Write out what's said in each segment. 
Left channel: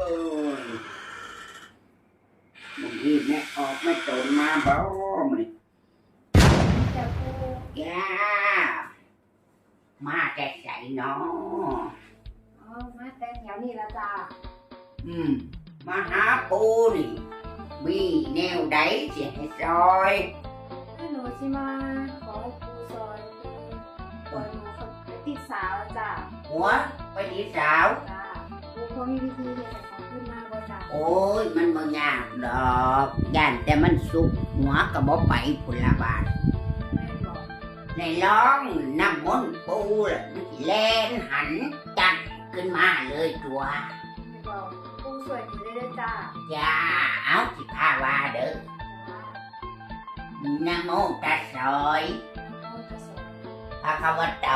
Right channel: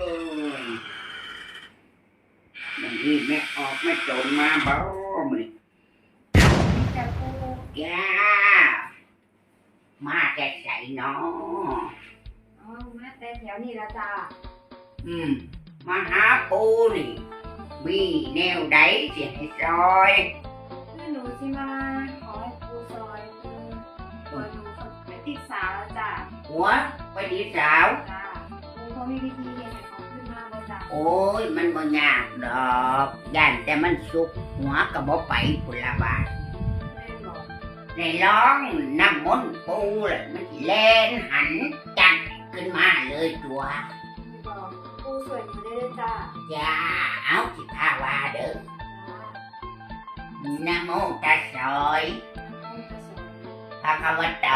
เอ้ยบางทีแม่ออกไม่ตนมาบ่มึงจะปูจ้ามาแต่ใส่เนาะอ๋อมาแต่แถวนี้ละจ้าอืมมาหาปูนี่มีแนวใดเสียให้ซอยคือหนูสิมาขอให้ปูซอยปูซอยหนูไปติดสาวแล้วจ้าหัวไปดีสาวจ้า ปูเขามีวิธีเรียนให้เขาขึ้นมาบ่จ้าโอ้ย มันบ่ยากดอกย่านแต่มันสุกหัวก็บ่ไปพุ่นละบาทแม่บอกในร้องน้ำมนต์ปูแหละมันสิแล่นหันจัดขึ้นมาเลยตัวไม่บอกปูสวยอยู่ได้เลยจ้าจ้าเอาสิพาว่าเด้อจ้านะโมตัสสะเขาจะสวยภะคะวะโต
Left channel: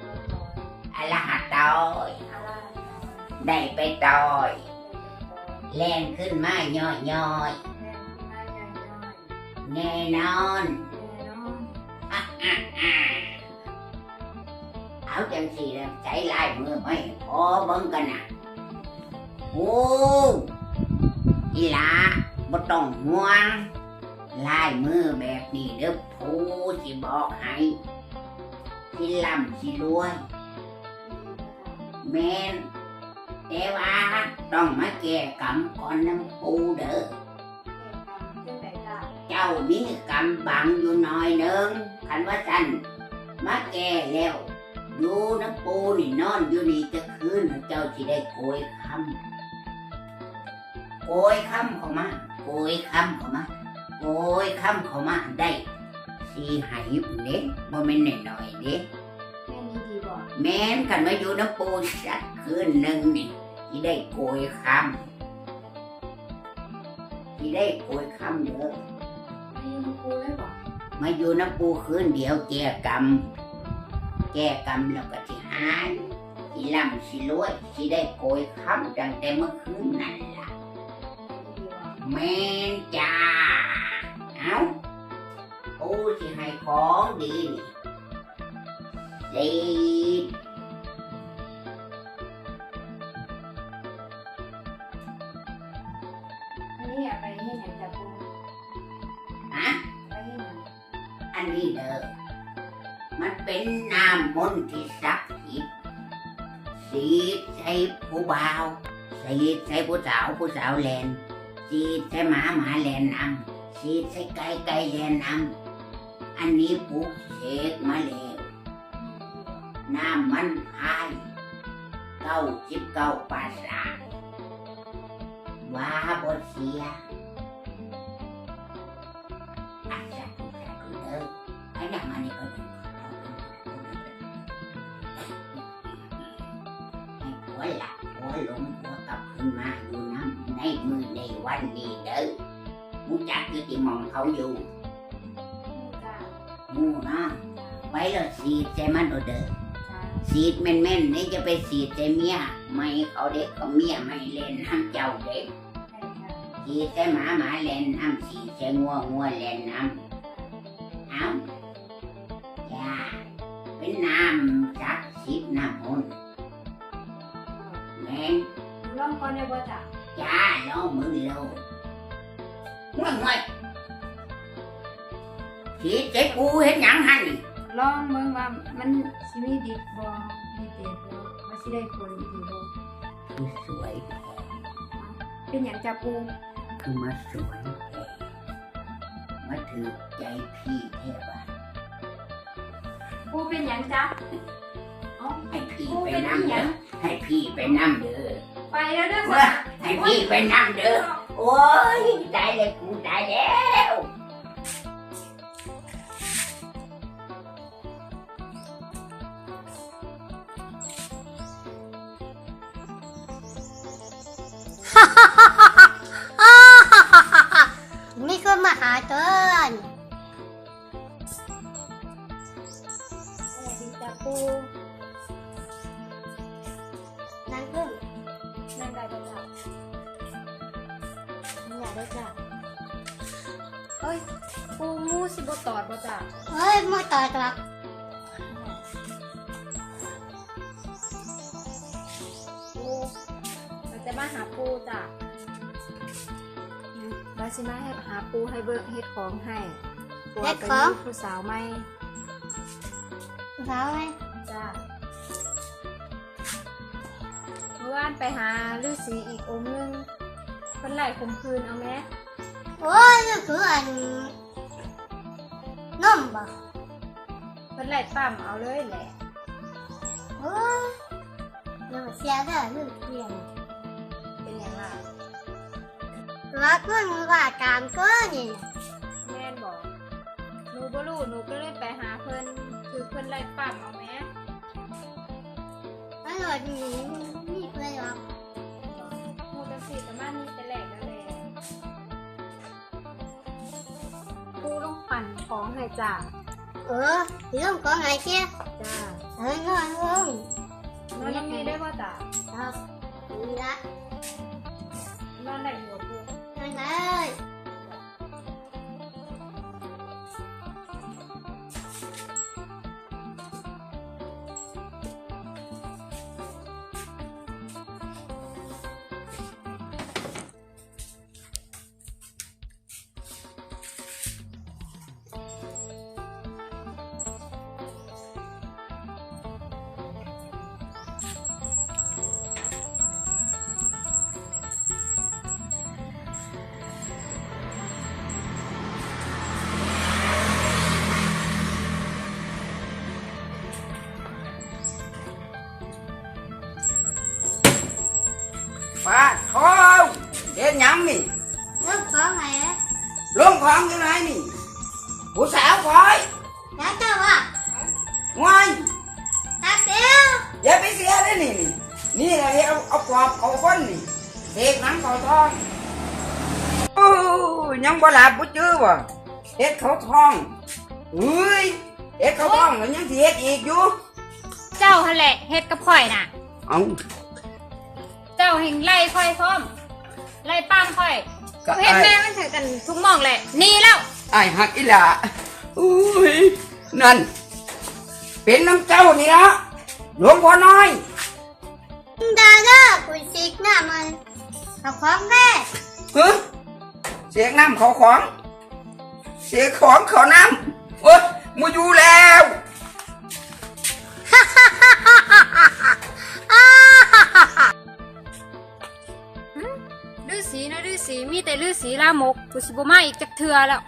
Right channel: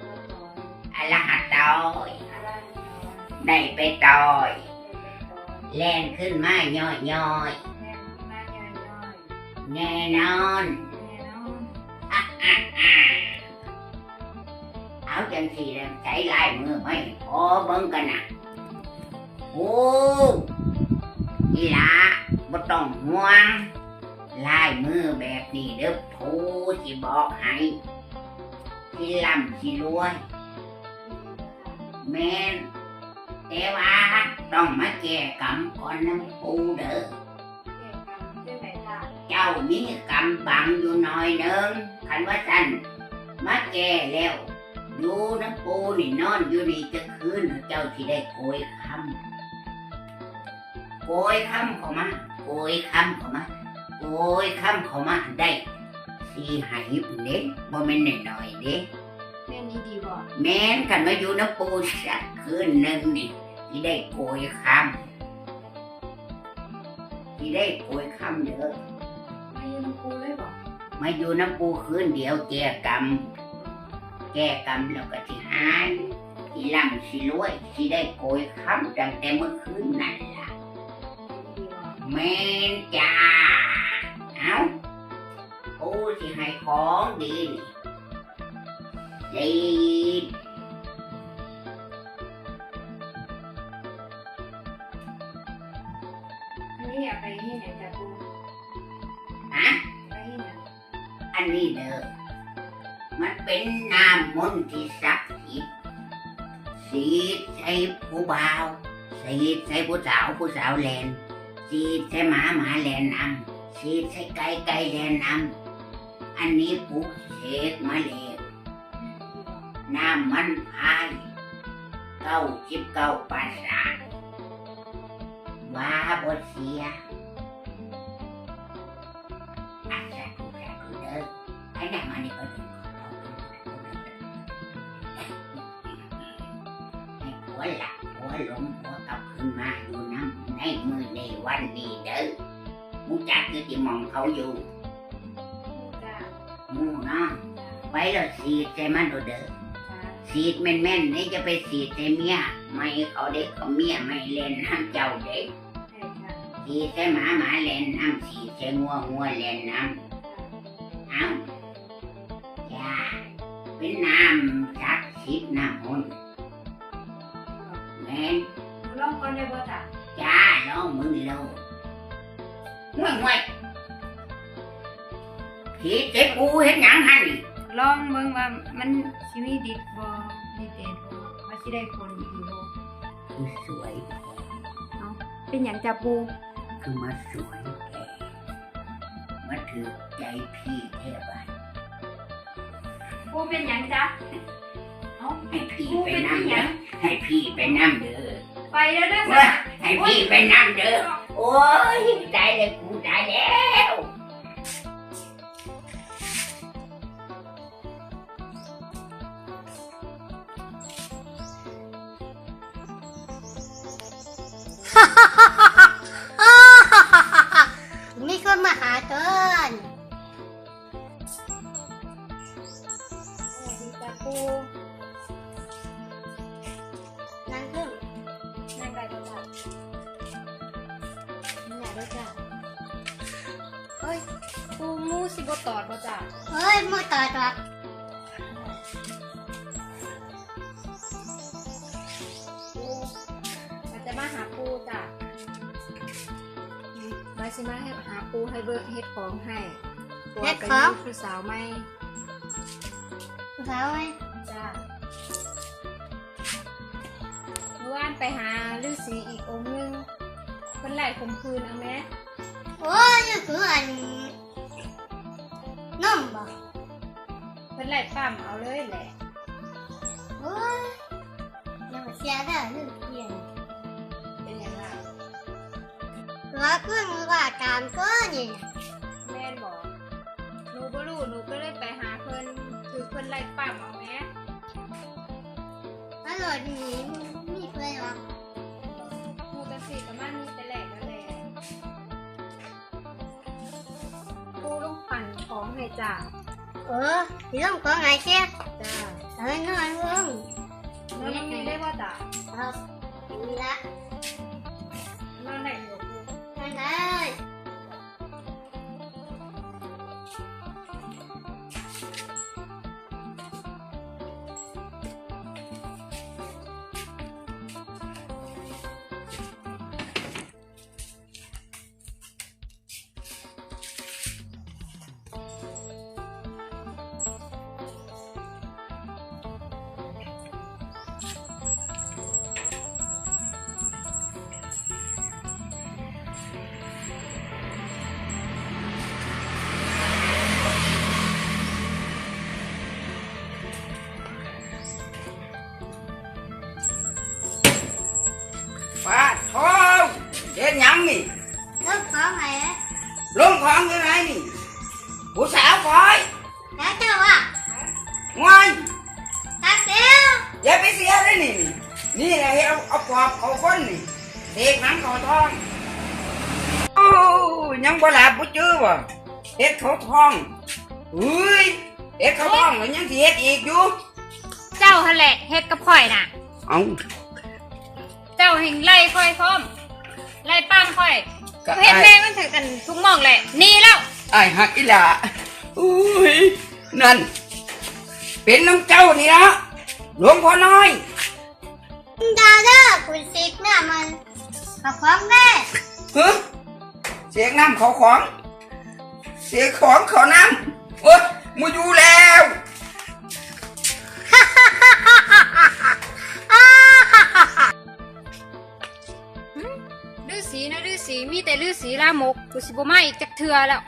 ปูซอยอะระหะโตอะไร ได้ไปต่อยแล่นขึ้นมาย่อยย่อยแน่นอนแม่น้องเอาจังสีแล้วใช้ลายมือให้พอเบิ่งกันนะโอ้ยีละบ่ต้องห่วงลายมือแบบนี้เด้อผู้สิบอกให้สิล่ำสิรวยแม่ แต่ว่าต้องมาแก้กรรมก่อนน้ำปูเด้อ เจ้ามีกรรมบังอยู่หน่อยหนึงคันว่าสันมาแก่แล้วดูน้ำปูนี่นอนอยู่นี่จะคืนเจ้าสิได้โกยคำโกยคำเข้ามาโกยคำเข้ามาโกยคำเข้ามาได้สีหายปุ่นเด้บ่แม่นน้อยๆเด้แม่ นี้ดีบ่แม่นคันมาอยู่น้ำปูสักคืนหนึ่งนี่สิได้โกยคำสิได้โกยคำเด้อไม่ยืมปูเลยบ่มาอยู่น้ำปูคืนเดียวแก้กรรมแก้กรรมแล้วก็สิหายสิร่ำสิรวยสิได้โกยคำตั้งแต่เมื่อคืนนั่นล่ะดีบ่แม่นจ้าเอาปูสิให้ของดีนี่ ดีอันนี้อยากไปที่ไหนจ้าปูฮะไปที่ไหนอันนี้เด้อมันเป็นน้ำมนต์ที่ศักดิ์สิทธิ์สีใส่ผู้บ่าวสีใส่ผู้สาวผู้สาวแลนสีใส่หมาหมาแลนนำสีใส่ไก่ไก่แลนนำอันนี้ปลูกเสกมาแล้ว น้ำมันพายเก้าสิบเก้าปราสาทว่าบทเสียอักษรทุกอย่คือเด้อไอ้น้ำมันนี่ก็ดีให้หัวหลักหัวหลงหัวกลับขึ้นมาอยู่น้ำในมือในวันนี้เด้อมูจักคือที่มองเขาอยู่จ้ามูนะไว้แล้วสีใส่มันเอาเด้อ สีดแม่นๆนี่จะไปสีดใส่เมียไม่เขาเด็กเขาเมียไม่เล่นน้ำเจ้าเด็กใช่ค่ะสีดใส่หมาหมาเล่นน้ำสีดใส่งัวงัวเล่นน้ำเอาจ้าเป็นน้ำศักดิ์สิทธิ์น้ำมนต์แม่นลองก่อนเลยบ่จ้าจ้าล้อมือโลดห่วยห่วยสีดใส่กูเห็นหยังหันนี่ ลองเบิ่งว่ามันสิมีดิดบ่มีเด็ดบ่ว่าสิได้ผลดีบ่สวยเป็นหยังจ้าปูคือมาสวยแกมาถือใจพี่เทวะปูเป็นหยังจ้าเอ้าให้พี่ปูไปเป็นนั่งหเด้องให้พี่ไปนั่งเด้อไปแล้วเด้อจ้าให้พี่ไปนั่งเด้อโอ้ยตายเลยกูตายแล้ว มีคนมาหาเกินสวัสดีจ้าปูนั่งขึ้นนั่งไปบ่จ้านี่อยากได้จ้ะเฮ้ยปูมูสิบ่ตอดบ่จ้าเฮ้ยมือต่อตัวปู จะมาหาปูจ้ะมาสิมาให้หาปูให้เบิกเฮ็ดของให้ปูไปมีผู้สาวไหมสาวไหมจ้ะเมื่อวานไปหาฤาษีอีกองค์นึงเพิ่นไล่ข่มคืนเอาไหมโอ้ยนี่คืออันนมบ่เพิ่นไล่ปั๊มเอาเลยแหละโอ้ยยังเสียได้เรื่องเพียน รักมันว่าตามก็นี่แม่นบอกหนูบ่รู้หนูก็เลยไปหาเพิ่นคือเพิ่นไล่ปั๊มเอาไหมตลอดนี้มีเพื่อนหรอกหนูกันสิแต่มามีแต่แหลกนั่นแหละปูต้องปั่นของให้จ้ะเออที่ต้องก็ไงเชี่ยจ้า ป้าทองเด็ดหยังนี่เลิกข เอาเอาปอบเอาก้นนี่เด็กหนังเขาทองโอ้ยังบ่หลับบ่จื้อบ่เฮ็ดเขาทองเฮ้ยเฮ็ดเขาทองแล้วยังสิเฮ็ดอีกอยู่เจ้าหั่นแหละเฮ็ดกับข่อยน่ะ เอ้าเจ้าเห็นไล่ข่อยพร้อมไล่ปั้มข่อยก็เห็นไอ้แม่มันถือกันทุกหมองแหละหนี่แล้ว ไอ้หักอีหล่าอุ้ยนั่น เป็นน้ำเจ้านี่ละหลวงพ่อน้อย ดาด้าคุณสิกหน้ามันกับของแม่ฮะเสียงน้ำเขาของ เสียงของเขาน้ำโอ้ยมูอยู่แล้วฤาษีนะฤาษีมีแต่ฤาษีลามกกูสิบ่มาอีกจักเทือแล้ว